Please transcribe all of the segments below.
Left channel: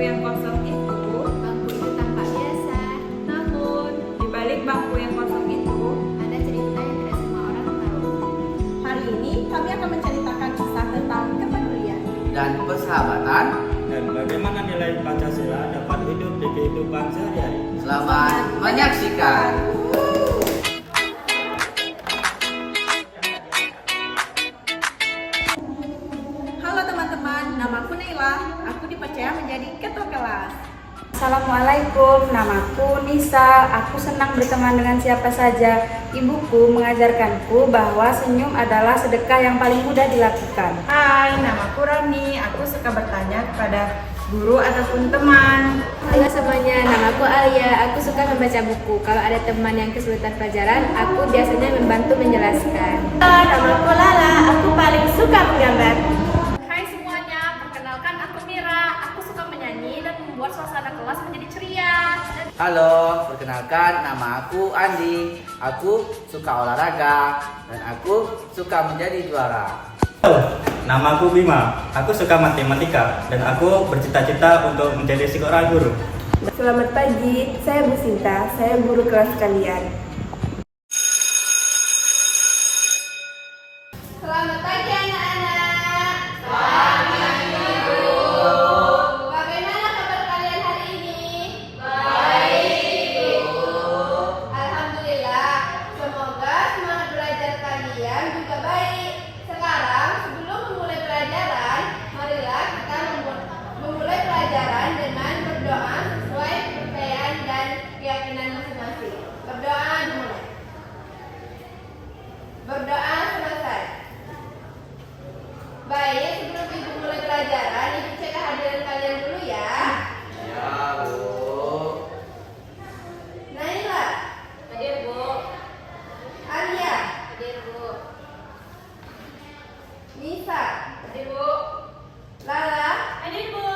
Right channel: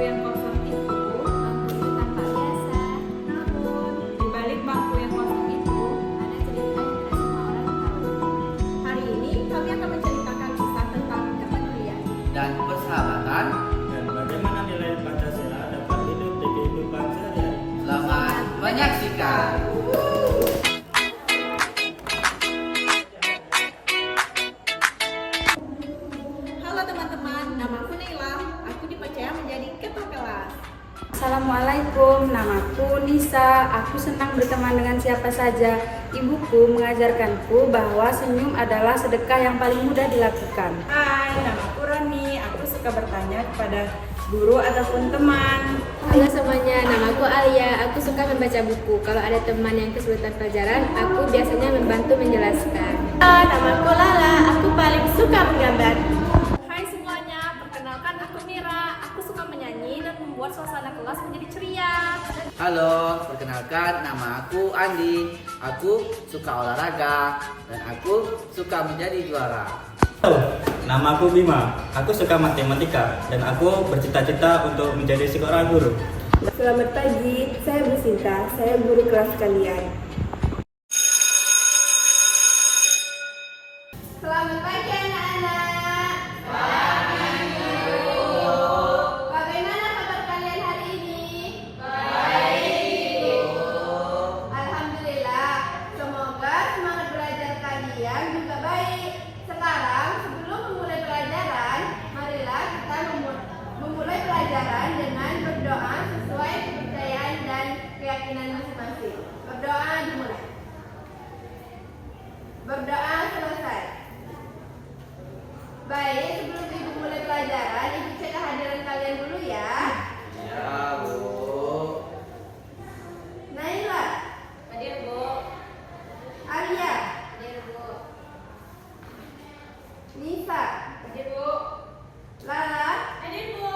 yang kosong itu, bangku itu tampak biasa. namun di balik bangku yang kosong itu, Ada cerita yang tidak semua orang tahu. Hari ini kami akan menceritakan kisah tentang kepedulian. dan persahabatan. Dan bagaimana nilai Pancasila dapat hidup di kehidupan sehari-hari. Selamat menyaksikan. Halo teman-teman, namaku Naila. Aku dipercaya menjadi ketua kelas. Assalamualaikum, namaku Nisa. Aku senang berteman dengan siapa saja. Ibuku mengajarkanku bahwa senyum adalah sedekah yang paling mudah dilakukan. hai, namaku Roni. Aku suka bertanya kepada guru ataupun teman. Halo semuanya, namaku Alia. Aku suka membaca buku. Kalau ada teman yang kesulitan pelajaran, aku biasanya membantu menjelaskan. Namaku Lala. Aku paling suka menggambar. Hai semuanya, perkenalkan aku Mira. Aku suka menyanyi dan membuat suasana kelas menjadi ceria. Halo, perkenalkan nama aku Andi. Aku suka olahraga dan aku suka menjadi juara. Halo, namaku Bima. Aku suka matematika dan aku bercita-cita untuk menjadi seorang guru. Selamat pagi, saya Bu Sinta. Saya guru kelas kalian. Selamat pagi anak-anak. Bagaimana kabar kalian hari ini? Baik. Alhamdulillah. Semoga semangat belajar kalian juga baik. Sekarang sebelum memulai pelajaran, marilah kita memulai pelajaran dengan berdoa sesuai kepercayaan dan keyakinan masing-masing. Berdoa dimulai. Berdoa selesai. Baik, sebelum ibu mulai pelajaran, ibu cek kehadiran kalian dulu ya. Ya, Bu. Naila, Hadir Bu. Alia, Hadir Bu. Nisa, Hadir Bu. Lala, Hadir Bu.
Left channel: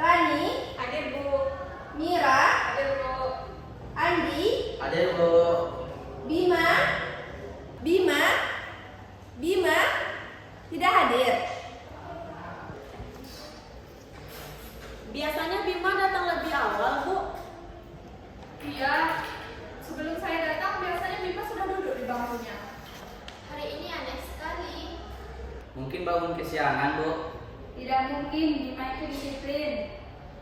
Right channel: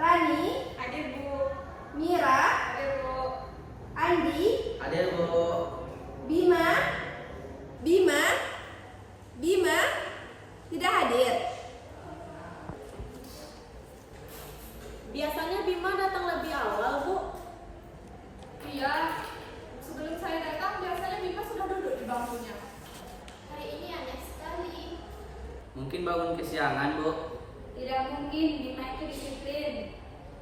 Rani, Hadir Bu. Mira, Hadir Bu. Andi, Hadir, Bu. Bima, Bima, tidak hadir. Biasanya Bima datang lebih awal, Bu. Iya, sebelum saya datang biasanya Bima sudah duduk di bangkunya. Hari ini aneh sekali. Mungkin bangun kesiangan, Bu. Tidak mungkin, Bima itu disiplin.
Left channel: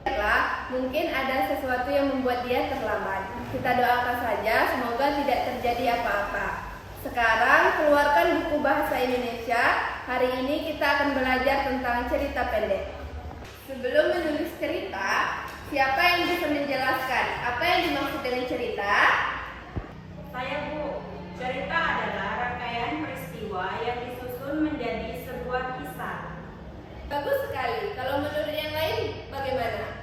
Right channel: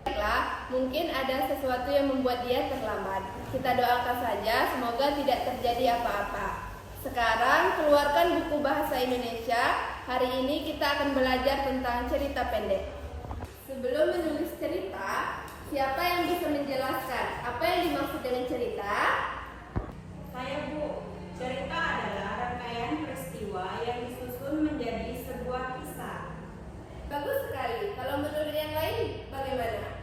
Baiklah, mungkin ada sesuatu yang membuat dia terlambat. Kita doakan saja, semoga tidak terjadi apa-apa. Sekarang, keluarkan buku bahasa Indonesia. Hari ini kita akan belajar tentang cerita pendek. Sebelum menulis cerita, siapa yang bisa menjelaskan apa yang dimaksud dengan cerita? Saya, Bu. Cerita adalah rangkaian peristiwa yang disusun menjadi sebuah kisah. Bagus sekali. Kalau menurut yang lain, bagaimana?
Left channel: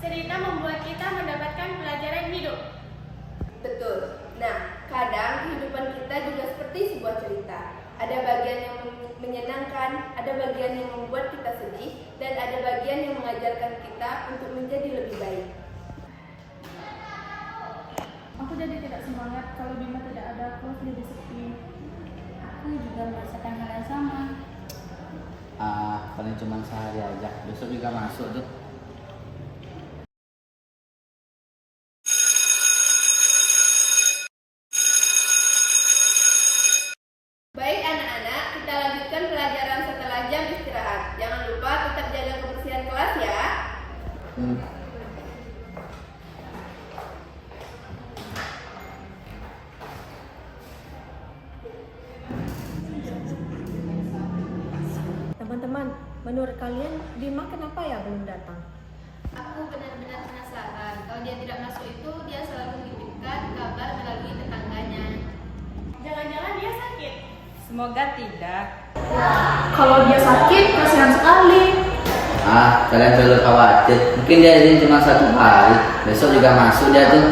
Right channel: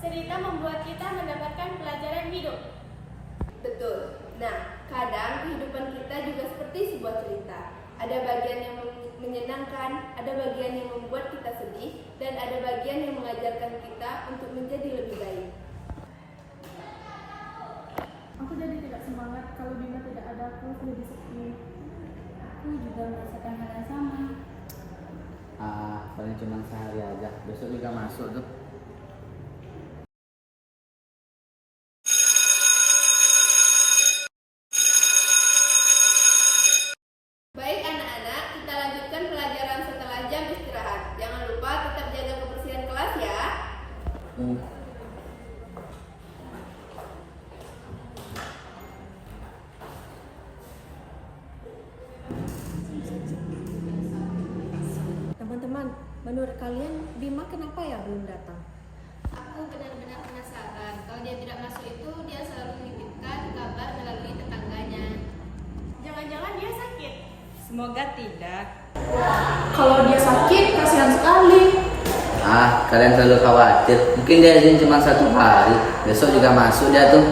Cerita membuat kita mendapatkan pelajaran hidup. Betul. Nah, kadang kehidupan kita juga seperti sebuah cerita. Ada bagian yang menyenangkan, ada bagian yang membuat kita sedih, dan ada bagian yang mengajarkan kita untuk menjadi lebih baik. Aku jadi tidak semangat kalau Bima tidak ada, kelas jadi sepi. Aku juga merasakan hal yang sama. Paling cuma sehari aja. Besok juga masuk tuh. Baik anak-anak, kita lanjutkan pelajaran setelah jam istirahat. Jangan lupa tetap jaga kebersihan kelas ya. Teman-teman, menurut kalian Bima kenapa ya belum datang? Aku benar-benar penasaran. Kalau dia tidak masuk itu, dia selalu menitipkan kabar melalui tetangganya. Jangan-jangan dia sakit. Semoga tidak. Kalau dia sakit, kasihan sekali. Kalian perlu khawatir. Mungkin dia izin cuma 1 hari. Besok juga masuk dia tuh.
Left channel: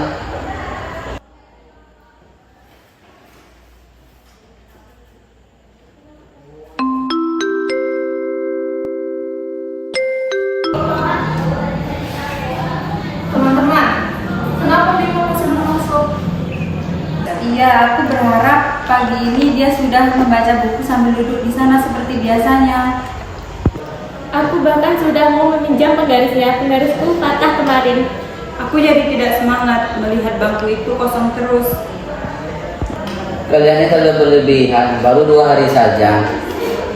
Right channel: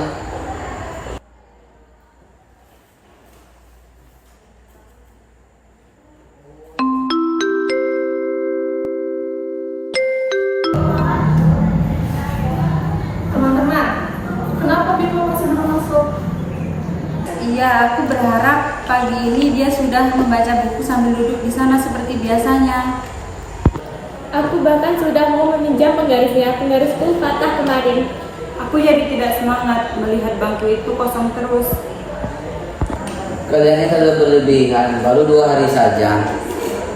Teman-teman, kenapa Bima masih belum masuk? Iya, aku berharap pagi ini dia sudah membaca buku sambil duduk di sana seperti biasanya. Aku Aku bahkan sudah mau meminjam penggarisnya, penggarisku patah kemarin. Aku jadi tidak semangat melihat bangku itu kosong terus. Kalian ini terlalu berlebihan, baru 2 hari saja.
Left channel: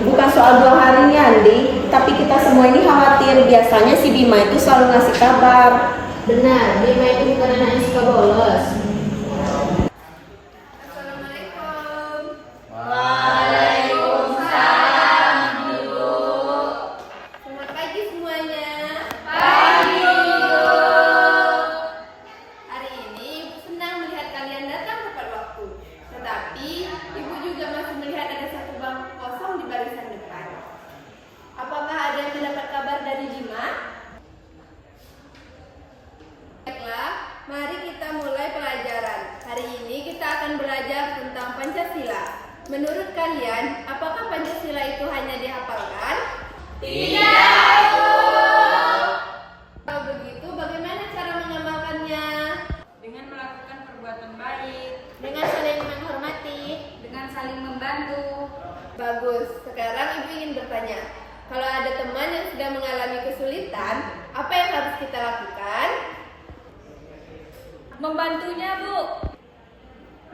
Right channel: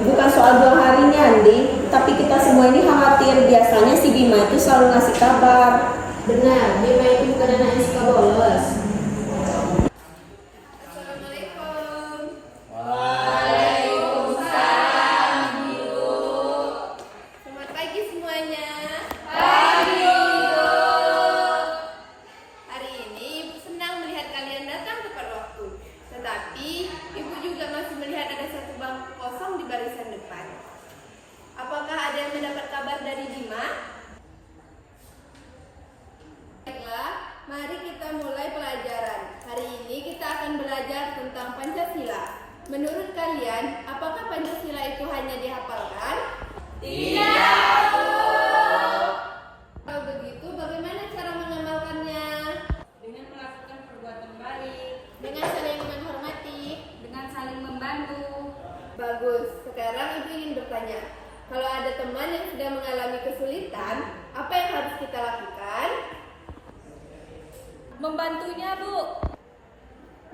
Bukan soal 2 harinya, Andi, tapi kita semua ini khawatir. Biasanya si Bima itu selalu ngasih kabar. Benar, Bima itu bukan anak yang suka bolos. Assalamualaikum. Selamat pagi semuanya. Hari ini Ibu senang melihat kalian datang tepat waktu. Tetapi Ibu juga masih melihat ada satu bangku kosong di barisan depan. Apakah ada yang mendapat kabar dari Bima? Baiklah, mari kita mulai pelajaran. Hari ini kita akan belajar tentang Pancasila. Menurut kalian, apakah Pancasila itu hanya dihafalkan? Tidak. Kalau begitu, bagaimana cara mengamalkannya? Dengan melakukan perbuatan baik, Dengan saling menghormati. dengan saling membantu. Bagus. Sekarang Ibu ingin bertanya, kalau ada teman yang sedang mengalami kesulitan, apa yang harus kita lakukan? Membantunya, Bu.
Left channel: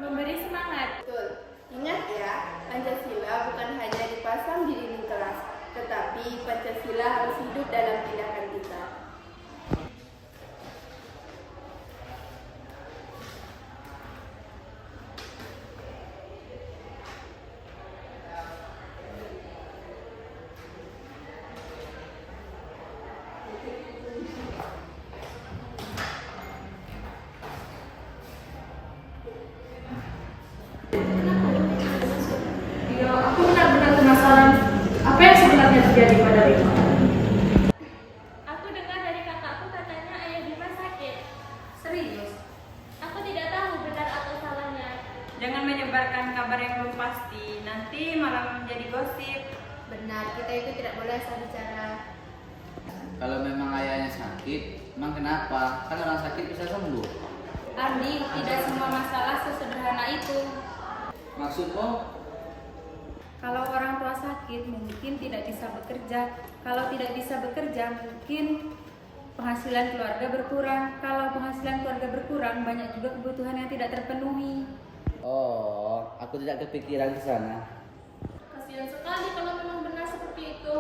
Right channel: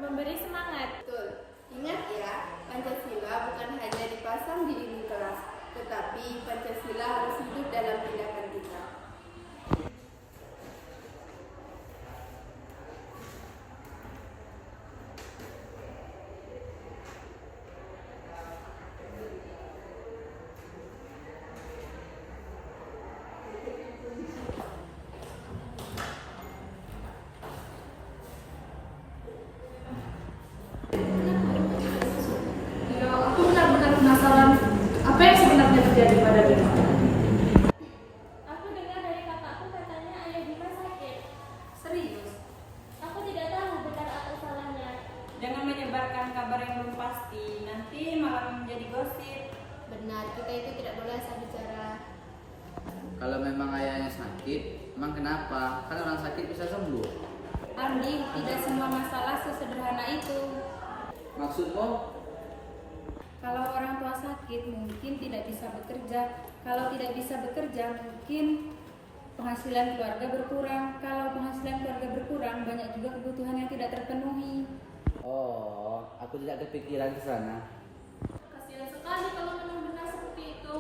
Memberi semangat. Betul. Ingat ya, Pancasila bukan hanya dipasang di dinding kelas, tetapi Pancasila harus hidup dalam tindakan kita. Ya, aku benar-benar penasaran apa yang sebenarnya terjadi pada Bima. Aku dengar dari kakakku katanya ayah Bima sakit. Serius, Aku tidak tahu benar atau salahnya. Jangan menyebarkan kabar yang belum pasti, nanti malah menjadi gosip. Benar, kita itu tidak boleh asal bicara. Kalau memang ayahnya sakit, emang kenapa? Kan orang sakit bisa sembuh. Andi, tidak semua masalah sesederhana itu. Maksudmu? Kalau orang tua sakit mungkin tidak bisa bekerja. Kalau tidak bisa bekerja mungkin penghasilan keluarga berkurang. Kalau penghasilan keluarga berkurang banyak juga kebutuhan yang tidak terpenuhi. Oh, aku tidak kepikiran ke sana. Kasihan sekali kalau memang benar seperti itu.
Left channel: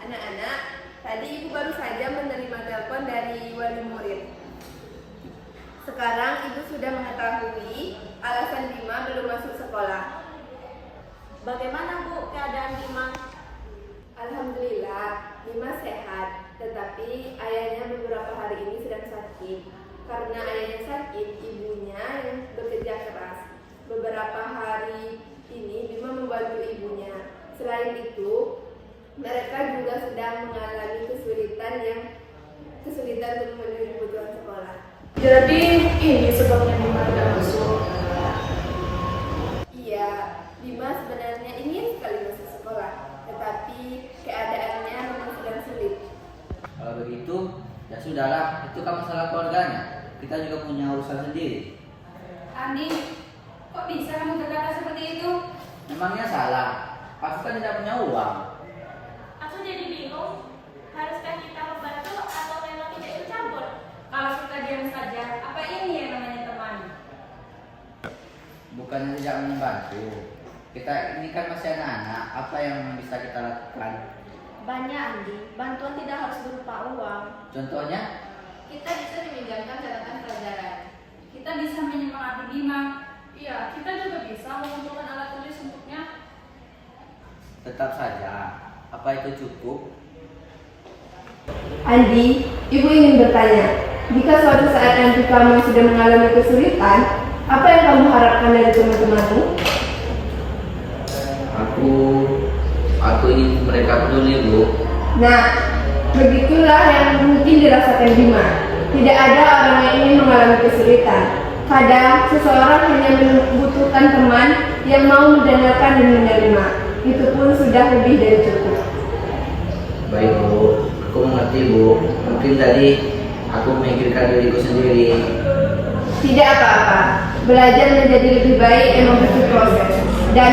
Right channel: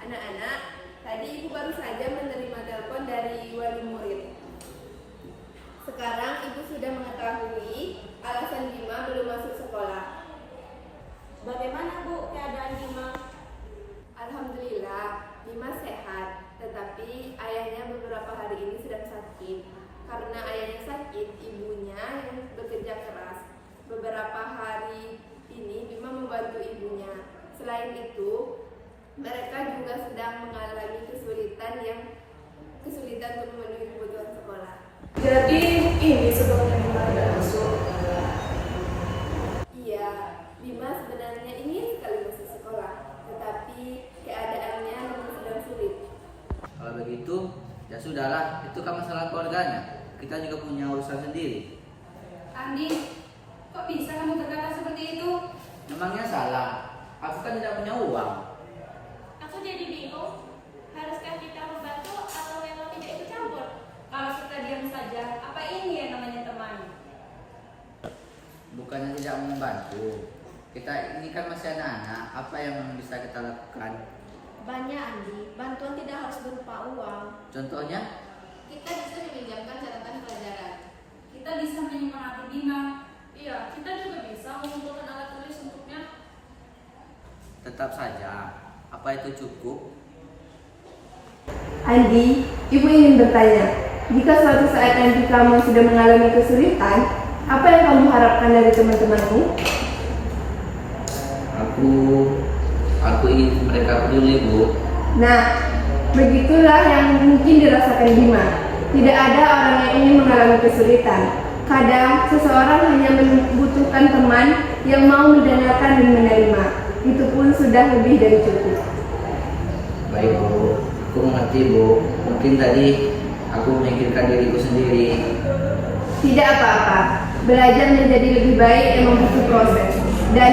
Anak-anak, tadi Ibu baru saja menerima telepon dari wali murid. Sekarang Ibu sudah mengetahui alasan Bima belum masuk sekolah. Bagaimana, Bu, keadaan Bima? Alhamdulillah, Bima sehat, tetapi ayahnya beberapa hari ini sedang sakit. Karena ayahnya sakit, ibunya yang bekerja keras. Beberapa hari ini Bima membantu ibunya. Selain itu, mereka juga sedang mengalami kesulitan untuk memenuhi kebutuhan sekolah. Jadi ini sebabnya Bima tidak masuk. Iya, Bima sebenarnya ingin sekali masuk sekolah, tetapi keadaannya memang sedang sulit. Kalau begitu, ya sudahlah, itu kan masalah keluarganya. Kita juga punya urusan sendiri. Andi, kok bisa kamu berkata seperti itu? Memangnya salah? Aku kan tidak punya uang. Aku jadi bingung. Haruskah kita membantu atau memang tidak ikut campur? Kalau kita diam saja, apa ini yang namanya teman? Bukannya tidak membantu. Kita ini kan masih anak-anak. Apa yang bisa kita lakukan? Banyak, Andi. Bantuan tidak harus berupa uang. Contohnya? Kita bisa meminjamkan catatan pelajaran. Kita bisa menyemangati Bima. Iya, kita juga bisa mengumpulkan alat tulis untuknya. Tetap saja. Apa itu cukup? Andi, Ibu ingin bertanya, jika suatu saat nanti kamu sudah mengalami kesulitan, apa yang kamu harapkan dari teman-temanmu? Aku ingin mereka peduli, Bu. Nah, begitulah yang mungkin dirasakan Bima. Tidak ada orang yang ingin mengalami kesulitan. Kadang seseorang hanya membutuhkan teman yang mau mendengarkan dan menerima. Itu pun sudah lebih dari cukup. Baik, Bu. Aku mengerti, Bu. Mungkin tadi aku memikirkan diriku sendiri. Tidak apa-apa. Belajar menjadi lebih baik emang butuh proses. Dan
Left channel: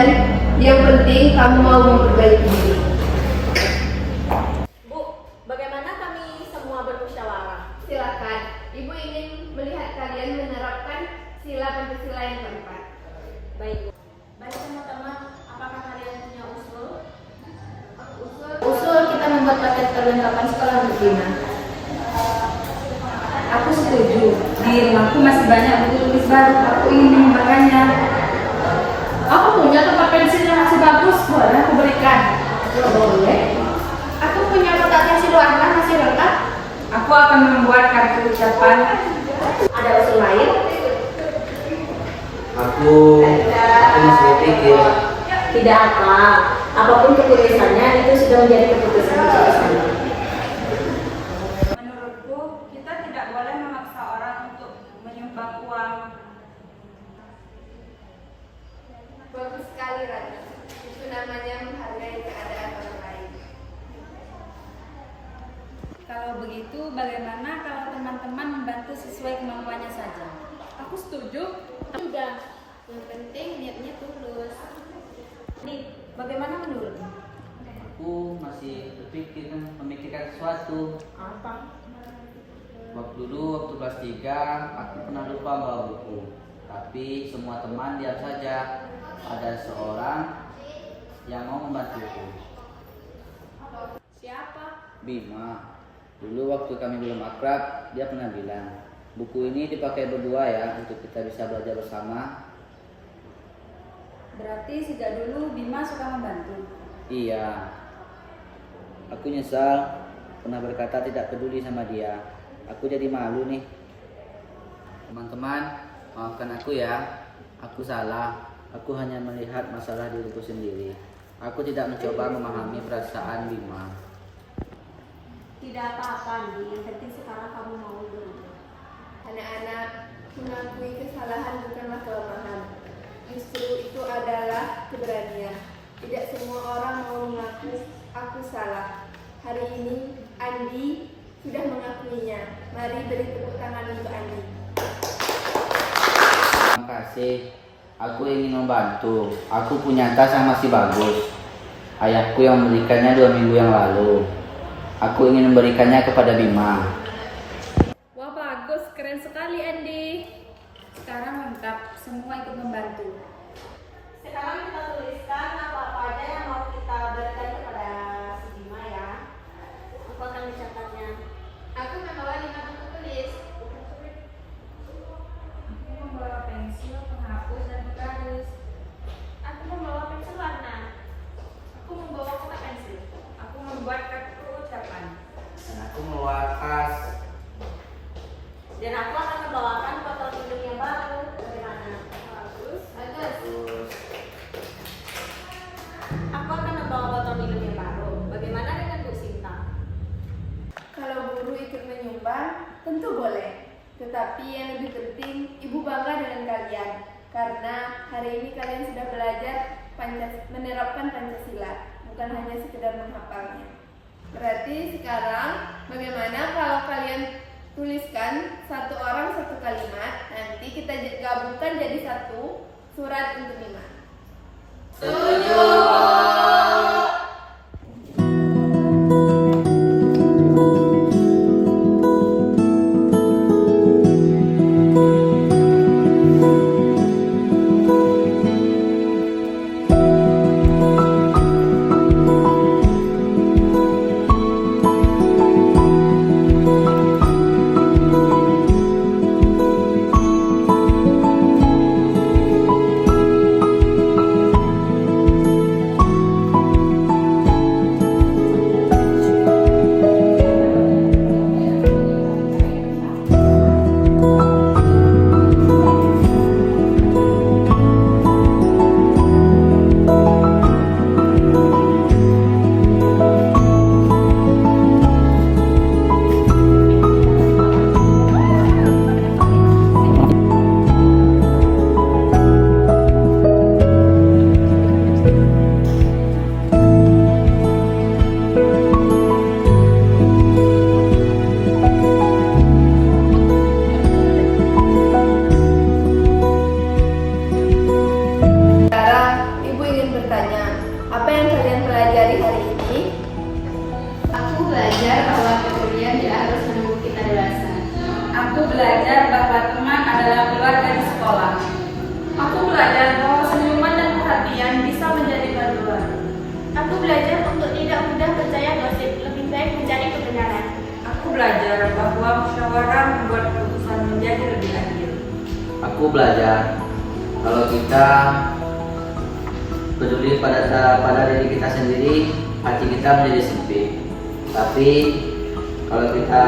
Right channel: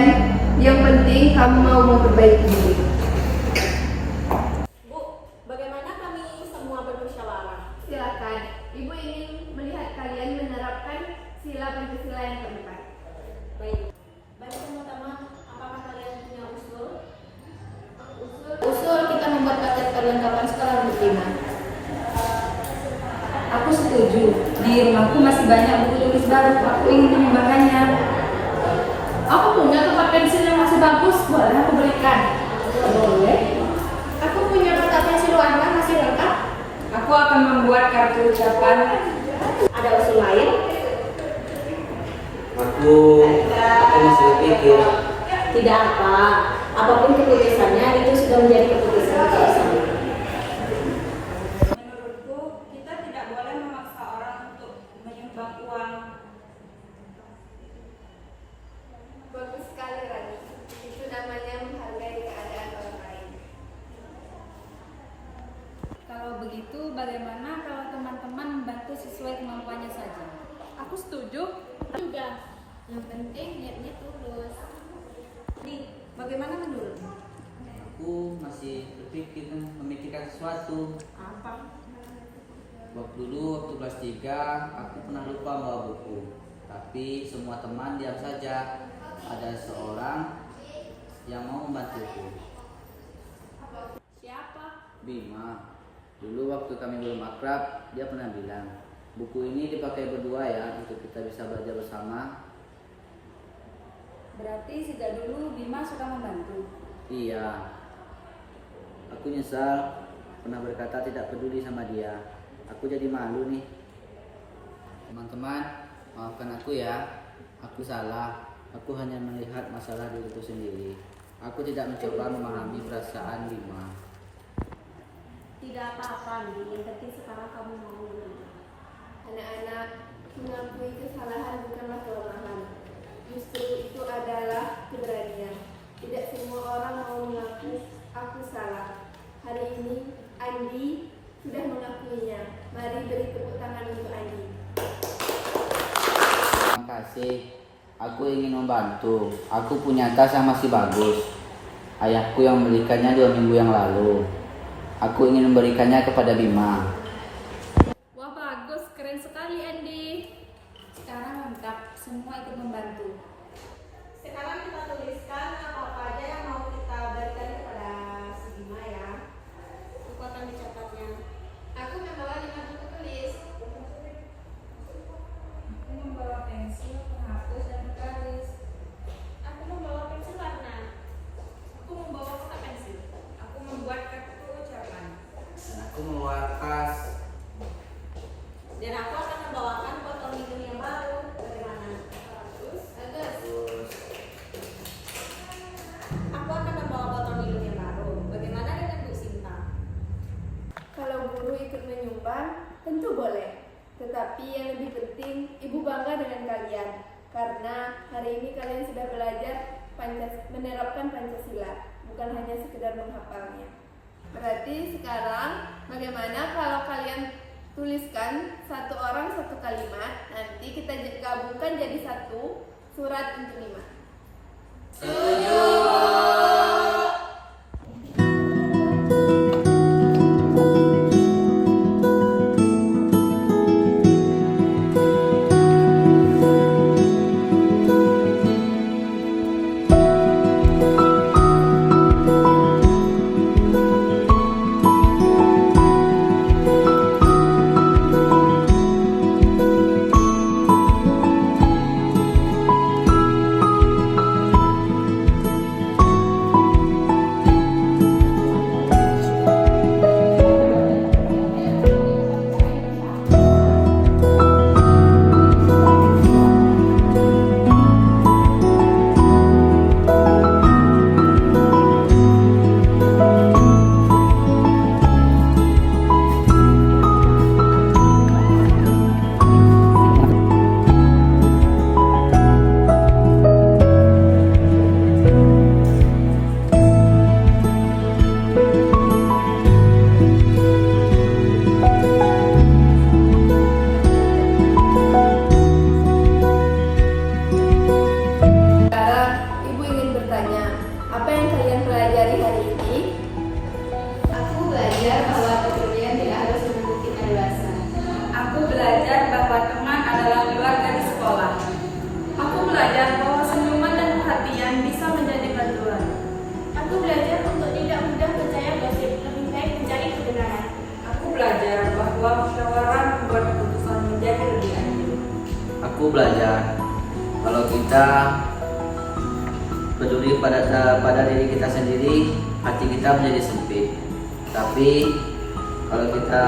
yang penting kamu mau memperbaiki diri. perlengkapan sekolah untuk Bima. Aku setuju. Di rumahku masih banyak buku tulis baru. Aku ingin menyumbangkannya. Aku punya tempat pensil yang masih bagus, boleh aku berikan? Boleh. Aku punya kotak pensil warna masih lengkap. Aku akan membuat kartu ucapan. Ada usul lain? Aku masih berpikir. Tidak apa. Apapun keputusannya itu sudah menjadi keputusan kita bersama. Menurutku, kita tidak boleh memaksa orang untuk menyumbang uang. Bagus sekali, Rani. Itu namanya menghargai keadaan orang lain. Kalau begitu, bagaimana kalau teman-teman membantu sesuai kemampuannya saja? Aku setuju. Juga. Yang penting niatnya tulus. Bagaimana menurutmu? Aku masih memikirkan sesuatu. Apa? Waktu kelas 3, aku pernah lupa bawa buku. Tapi semua teman diam saja. Ada seorang yang mau membantuku. Siapa? Bima. Dulu waktu kami belum akrab, dia pernah bilang, buku ini dipakai berdua ya, untuk kita bisa belajar bersama. Berarti sejak dulu Bima suka membantu. Iya. Aku nyesal pernah berkata tidak peduli sama dia. Aku jadi malu nih. Teman-teman, maafkan aku ya. Aku salah. Aku hanya melihat masalah diriku sendiri. Aku tidak mencoba memahami perasaan Bima. Tidak apa-apa, Andi. Yang penting sekarang kamu mau dulu. Anak-anak, mengakui kesalahan bukanlah kelemahan. Justru itu adalah keberanian. Tidak semua orang mau mengaku aku salah. Hari ini Andi sudah mengakuinya. Mari beri tepuk tangan untuk Andi. Terima kasih. Aku ingin membantu. Aku punya tas yang masih bagus. Ayahku yang membelikannya 2 minggu yang lalu. Aku ingin memberikannya kepada Bima. Wah, bagus. Keren sekali, Andi. Sekarang lengkap, semua ikut membantu. Sekarang kita tuliskan apa-apa aja yang mau kita berikan kepada si Bima ya. Aku akan mencatatnya. Aku membawa 5 buku tulis. Aku membawa pensil, penghapus, dan penggaris. Aku membawa pensil warna. Aku membawa kotak pensil. Aku membuat kartu ucapan. Dan aku membawa tas. Dan aku akan membawakan botol minum yang baru. Bagaimana? Bagus. Aku akan membawa botol minum yang baru. Bagaimana dengan Bu Sinta? Kalau guru ikut menyumbang, tentu boleh. Tetapi yang lebih penting, Ibu bangga dengan kalian. Karena hari ini kalian sudah belajar menerapkan Pancasila, bukan hanya sekedar menghafalnya. Berarti sekarang, bagaimana kalau kalian tuliskan 1 orang 1 kalimat, nanti kita gabungkan jadi 1 surat untuk Bima. belajar bahwa teman adalah keluarga di sekolah. Aku belajar bahwa senyuman dan perhatian bisa menjadi paduan. Aku belajar untuk tidak mudah percaya gosip, lebih baik mencari Aku belajar kalau kita peduli pada diri kita sendiri, hati kita menjadi sempit. Tapi kalau kita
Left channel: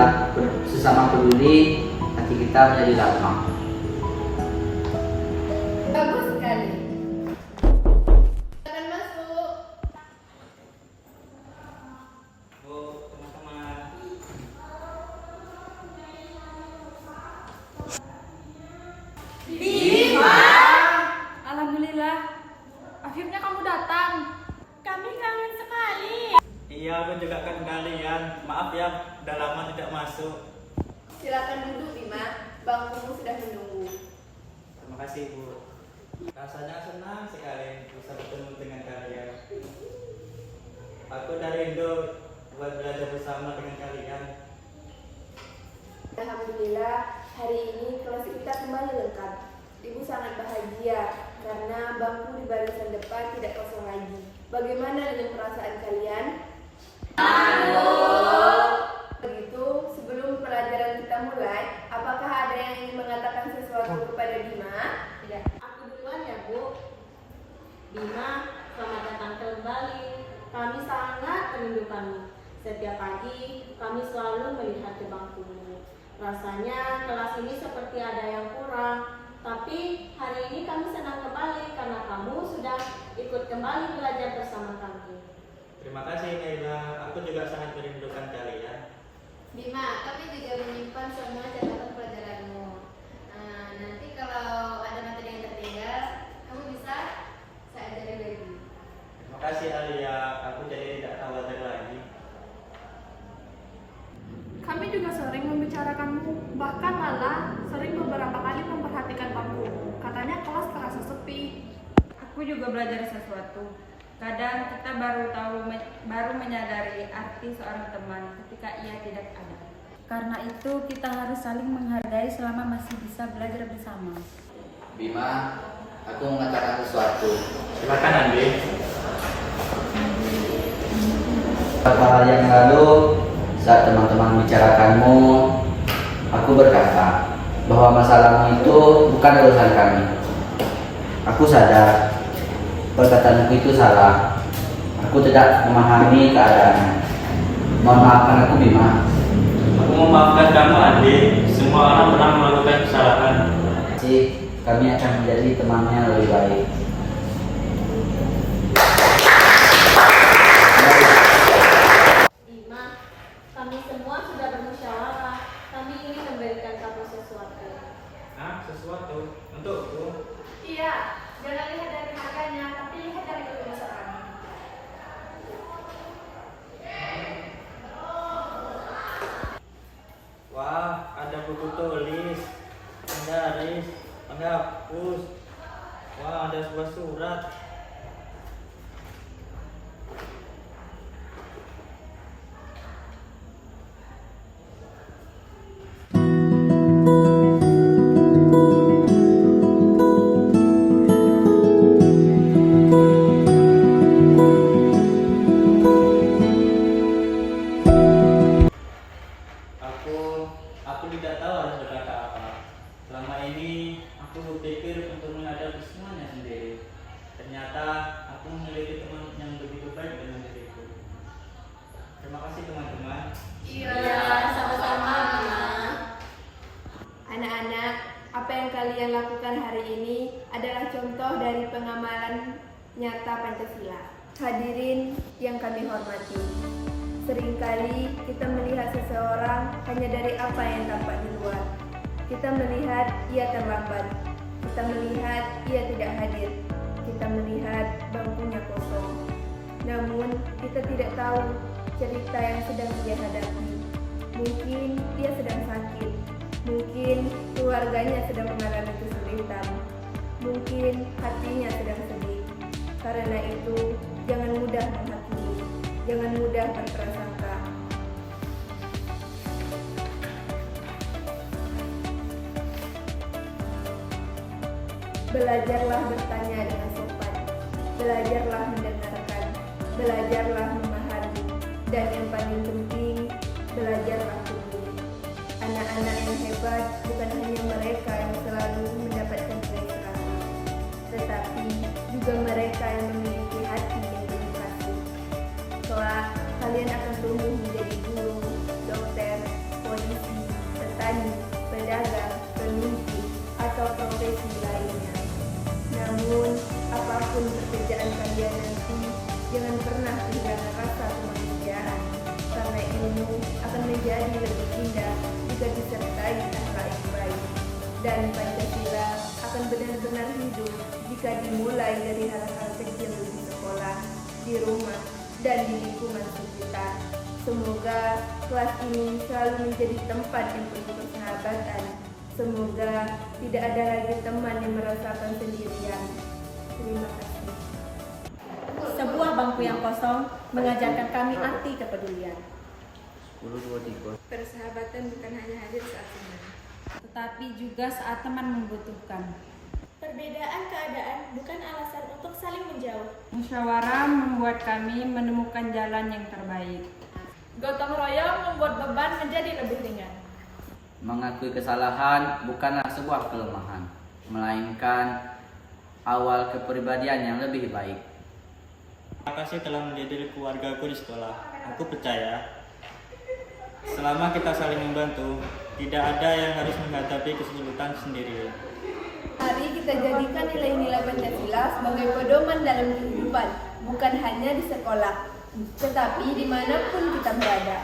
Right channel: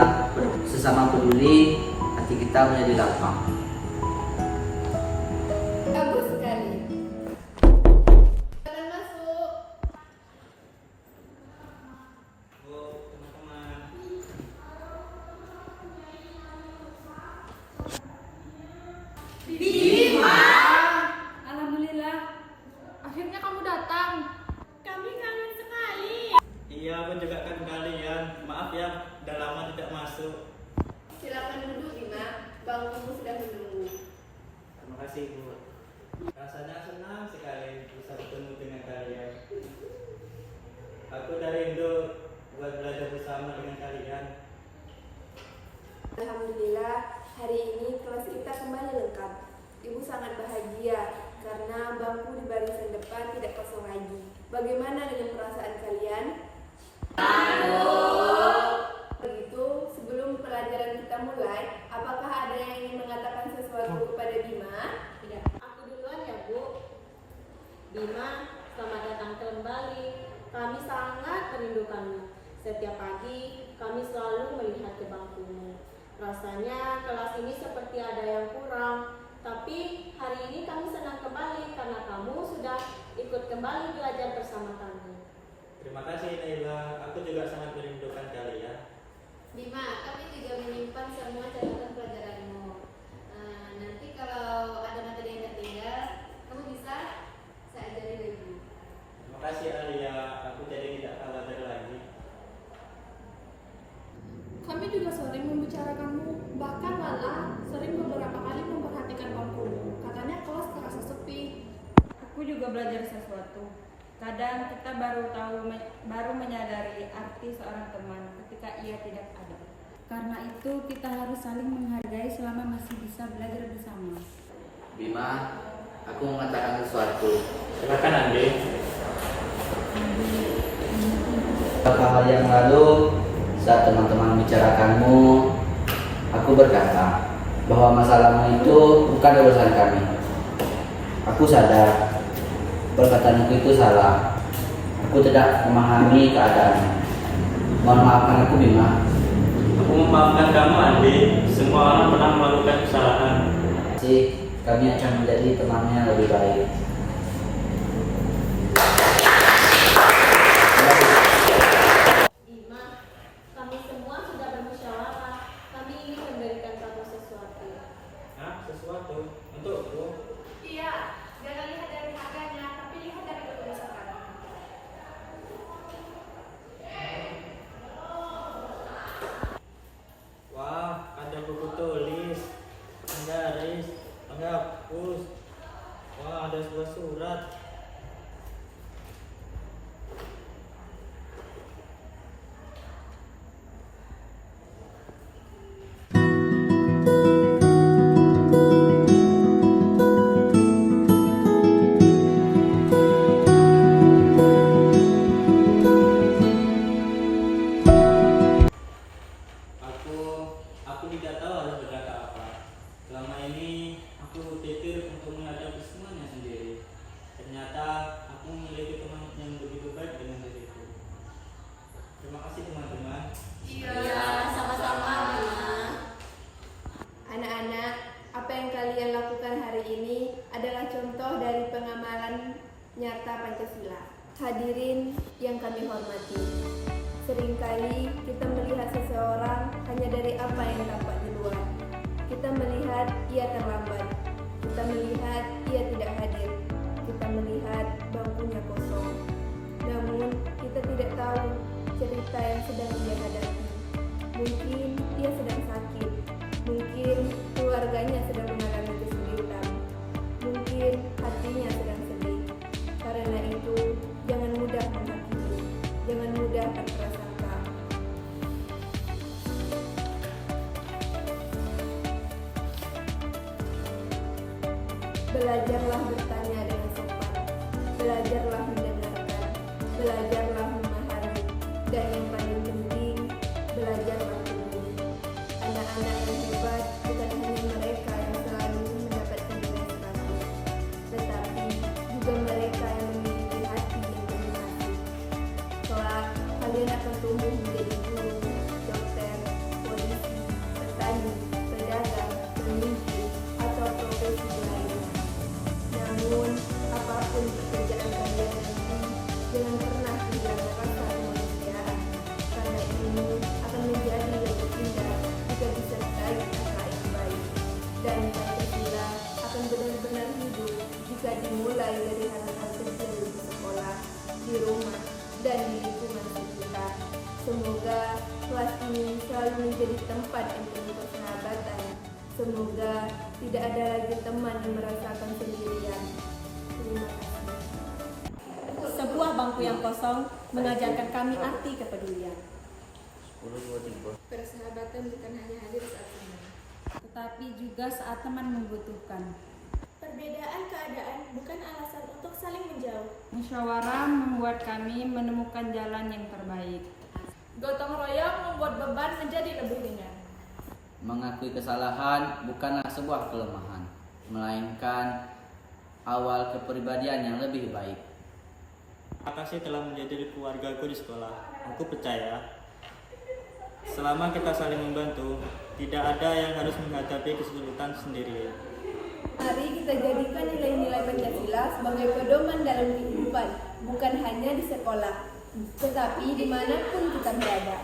sesama peduli, hati kita menjadi lapang. Bagus sekali. Silakan masuk. Bu, teman-teman. Alhamdulillah, akhirnya kamu datang. Kami kangen sekali. Iya, aku juga kan kalian. Maaf ya, udah lama tidak masuk. Silakan duduk, Bima. Bangkumu sudah menunggu. Terima kasih, Bu. Rasanya senang sekali bisa bertemu dengan kalian. Aku dari Indo buat belajar bersama dengan kalian. Alhamdulillah, hari ini kelas kita kembali lengkap. Ibu sangat bahagia karena bangku di barisan depan tidak kosong lagi. Bagaimana dengan perasaan kalian? Begitu, sebelum pelajaran kita mulai, apakah ada yang ingin mengatakan sesuatu kepada Bima? Tidak, aku duluan ya Bu. Bima, selamat datang kembali. Kami sangat merindukanmu. Setiap pagi kami selalu melihat ke bangkumu. Rasanya kelas ini seperti ada yang kurang. Tapi hari ini kami senang kembali karena kamu sudah ikut kembali belajar bersama kami. Terima kasih Naila, aku juga sangat merindukan kalian. Bima, kami juga menyimpan semua catatan pelajaranmu. Nanti kalau ada materi yang tertinggal, kamu bisa saya ajari lagi. Terima kasih Alia, aku jadi tidak khawatir lagi. Kami juga sering membicarakanmu, bahkan Lala sering beberapa kali memperhatikan bangkumu. Katanya kelas terasa sepi. Aku juga belajar sesuatu. Kadang kita baru menyadari arti seorang teman ketika ia tidak ada. Karena itu kita harus saling menghargai selama masih bisa belajar bersama. Bima, aku mau mengatakan sesuatu. Silakan Andi. Beberapa hari yang lalu, saat teman-teman bicarakanmu, aku berkata bahwa masalahmu itu bukan urusan kami. Aku sadar perkataanku itu salah. Aku tidak memahami keadaannya. Mohon maafkan aku, Bima. Aku memaafkan kamu Andi, semua orang pernah melakukan kesalahan. Kami akan menjadi temannya yang lebih baik. Bima, kami semua sudah bermusyawarah. Kami ingin memberikan kamu sesuatu. Hah? Sesuatu? Untukku? Iya, jangan lihat dari harganya, tapi lihat dari ketulusan kami. Wah, ada buku tulis, penggaris, penghapus. Wah, ada sebuah surat. Aku tidak tahu harus berkata apa. Selama ini aku berpikir untuk menghadapi semuanya sendiri. Ternyata aku memiliki teman yang begitu baik dengan diriku. Terima kasih teman-teman. Iya, sama-sama Bima. Anak-anak, apa yang kalian lakukan hari ini adalah contoh dari pengamalan nyata Pancasila. Hadirin yang kami hormati, seringkali kita melihat seseorang hanya dari apa yang tampak di luar. Kita melihat ia terlambat, kita melihat ia tidak hadir, kita melihat bangkunya kosong. Namun kita tidak tahu cerita yang sedang ia hadapi. Mungkin ia sedang sakit, mungkin keluarganya sedang mengalami kesulitan, mungkin hatinya sedang sedih. Karena itu, jangan mudah menghakimi, jangan mudah berprasangka. Belajarlah bertanya dengan sopan, belajarlah mendengarkan, belajarlah memahami, dan yang paling penting, belajarlah peduli. Anak-anak yang hebat bukan hanya mereka yang selalu mendapat tetapi juga mereka yang memiliki hati yang penuh kasih. Kelak, kalian akan tumbuh menjadi guru, dokter, polisi, petani, pedagang, pemimpin, atau profesi lainnya. Namun, apapun pekerjaan kalian nanti, jangan pernah kehilangan rasa kemanusiaan, karena ilmu akan menjadi lebih indah jika disertai akhlak yang baik. Dan Pancasila akan benar-benar hidup jika dimulai dari hal-hal kecil di sekolah, di rumah, dan di lingkungan sekitar. Semoga kelas ini selalu menjadi tempat yang penuh persahabatan. Semoga tidak ada lagi teman yang merasakan sendirian. Terima kasih. Sebuah bangku yang kosong mengajarkan kami arti kepedulian. Persahabatan bukan hanya hadir saat senang, tetapi juga saat teman membutuhkan. Perbedaan keadaan bukan alasan untuk saling menjauh. Musyawarah membuat kami menemukan jalan yang terbaik. Gotong royong membuat beban menjadi lebih ringan. Mengakui kesalahan bukanlah sebuah kelemahan, melainkan awal kepribadian yang lebih baik. Terima kasih telah menjadi keluargaku di sekolah. Aku percaya selama kita saling membantu, tidak ada yang harus menghadapi kesulitan sendiri. Mari kita jadikan nilai-nilai Pancasila sebagai pedoman dalam kehidupan, bukan hanya di sekolah, tetapi dimanapun kita berada.